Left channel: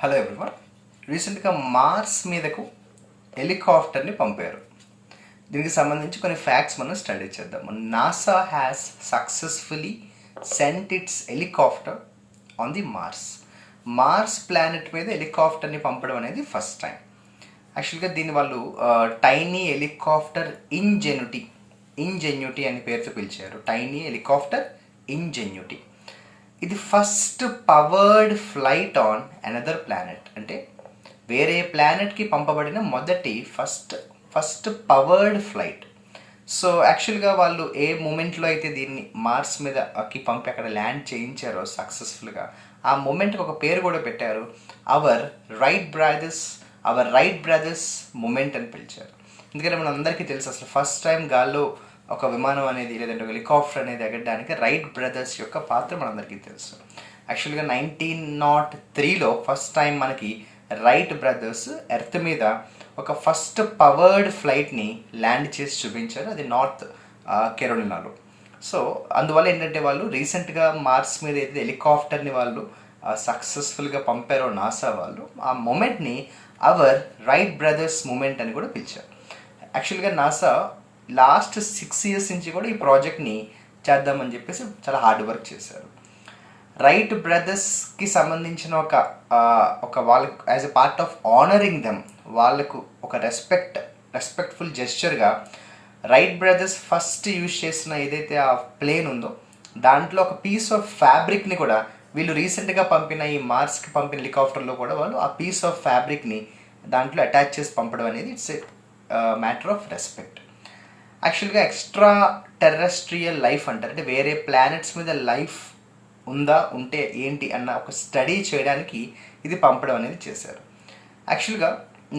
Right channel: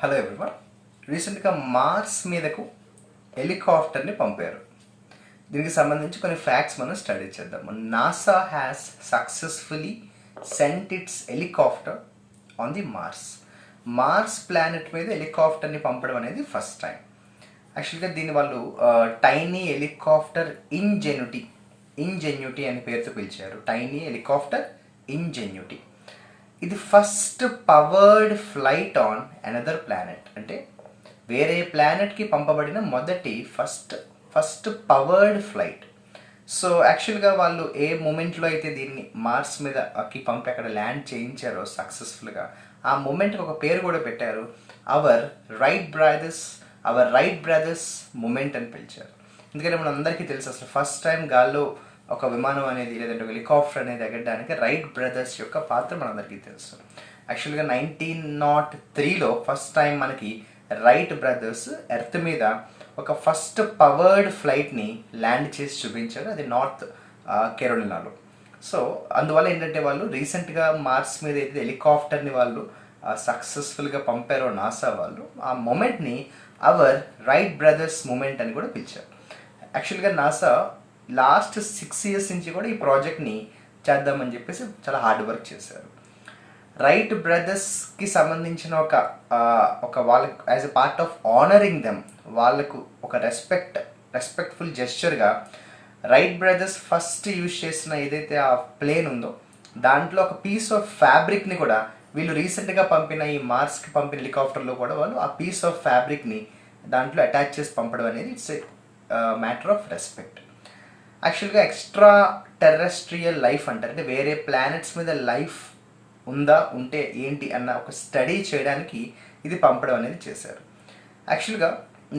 Hello everyone. రీసెంట్గా Mars మీదకు హెలికాప్టర్ని పంపారు. దీనికి సంబంధించి కొన్ని ఫ్యాక్ట్స్ మనం స్టడీ చేద్దాం. NASA has successfully sent its helicopter on the Mars planet మీద హెలికాప్టర్ని పంపడం అనేది ఫస్ట్ టైం. యాక్చువల్గా దీన్ని వాళ్ళు టైనీ హెలికాప్టర్ ఇంజెన్యూటీ అనే పేరుతో పిలిచారు. Tiny helicopter Ingenuity. ఇది first powered flight on another planet, అంటే వేరే ప్లానెట్కి పంపబడిన మొదటి ఫస్ట్ పవర్డ్ ఫ్లైట్. సో యాక్చువల్గా వాళ్ళు ఏ మూమెంట్లో అయితే దీన్ని మార్స్ మీదకి పంపి అక్కడ ల్యాండ్ చేయించారో సక్సెస్ఫుల్గా, ఆ మూమెంట్కి ఒక పేరు కూడా పెట్టారు. అవర్ రైట్ బ్రదర్స్ మూమెంట్ అని పిలిచారు. ఎందుకంటే మన అందరికీ తెలుసు, అసలు ఫస్ట్ టైం గాల్లో ఒక విమానం అనేది లేదంటే ఒక హెలికాప్టర్ అనేది ఎగరడానికి రైట్ బ్రదర్స్ యొక్క పాత్ర మనందరికీ తెలుసు. యాక్చువల్గా 1903లో ఫస్ట్ టైం మనకి రైట్ బ్రదర్స్ ఎర్త్ మీద ఒక ఫస్ట్ పవర్డ్ ఫ్లైట్ని ల్యాండ్ చేసి చూపించారు. అది నార్త్ కెరోలినాలో. సో అందువల్ల ఏంటంటే వాళ్ళు రీసెంట్గా మార్స్ మీద అయితే హెలికాప్టర్ని వాళ్ళు సక్సెస్ఫుల్గా పంపారో నాసా వాళ్ళు, ఆ మూమెంట్ని అవర్ రైట్ బ్రదర్స్ మూమెంట్ అని కూడా పిలిచారు. యాక్చువల్గా నాసా లాస్ట్ 6 years నుంచి కూడా ఈ ప్రాజెక్ట్ని చేద్దామని చెప్పేసి చాలా హార్డ్ వర్క్ చేశారు. రైట్ బ్రదర్స్కి సంబంధించిన ఒక వాళ్ళకు as a part of honouring them, వాళ్ళకు ఒక రెస్పెక్ట్ఫుల్ జెస్చర్గా రైట్ బ్రదర్స్ ఫస్ట్ యూజ్ చేసిన ఏదైతే ఆ ప్లేన్ ఉందో దాంట్లో ఒక పీస్ ఆఫ్ ఫ్యాబ్రిక్ని కూడా వీళ్ళు రీసెంట్గా పంపిన ఈ మార్స్కి పంపిన హెలికాప్టర్లో కూడా వాళ్ళు ఆ పీస్ ఆఫ్ ఫ్యాబ్రిక్ని దాంట్లో అటాచ్ చేసి పంపడం అనేది it's a matter of respect. యాక్చువల్గా ఎక్స్ట్రా టెర్రెస్ట్రియల్ లైఫ్ అంటారు, అంటే వేరే ప్లానెట్స్ మీద లైఫ్ ఉంటే ఏంటి అన్న ఒక స్టడీ చేయడానికి ఇది పంపడం అనేది చేశారు. యాక్చువల్గా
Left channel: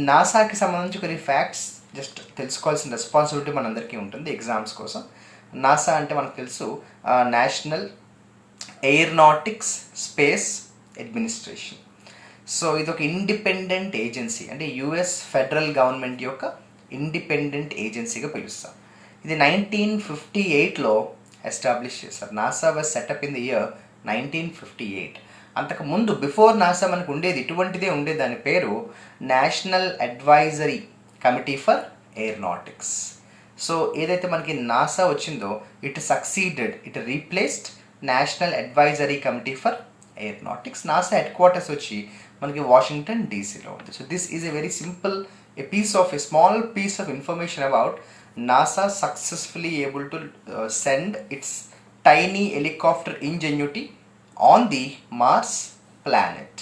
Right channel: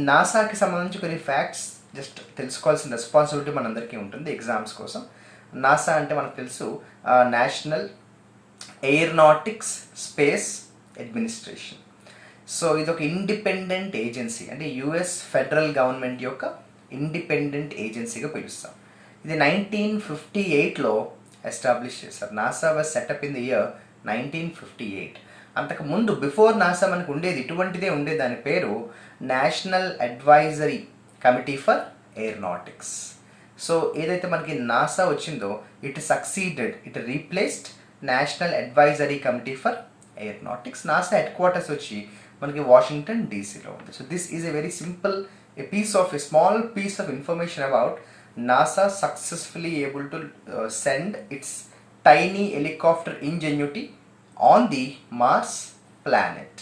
నాసాకి సంబంధించి కొన్ని ఫ్యాక్ట్స్ జస్ట్ తెలుసుకోవాల్సిన రెస్పాన్సిబిలిటీ మనందరికీ ఉంటుంది ఎగ్జామ్స్ కోసం. నాసా అంటే మనకు తెలుసు national aeronautics space administration. So ఇది ఒక ఇండిపెండెంట్ ఏజెన్సీ, అంటే యుఎస్ ఫెడరల్ గవర్నమెంట్ యొక్క ఇండిపెండెంట్ ఏజెన్సీగా పిలుస్తాం. ఇది 1958లో ఎస్టాబ్లిష్ చేశారు. NASA was setup in the year 1958. అంతకుముందు బిఫోర్ నాసా మనకు ఉండేది ఇటువంటిదే ఉండేది, దాని పేరు national advisory committee for aeronautics. So ఏదైతే మనకి నాసా వచ్చిందో it replaced national advisory committee for aeronautics. NASA head quarters వచ్చి మనకి వాషింగ్టన్ డీసీలో ఉంది. So this is a very simple small piece of information about NASA successfully able to send its tiny helicopter Ingenuity on the Mars planet.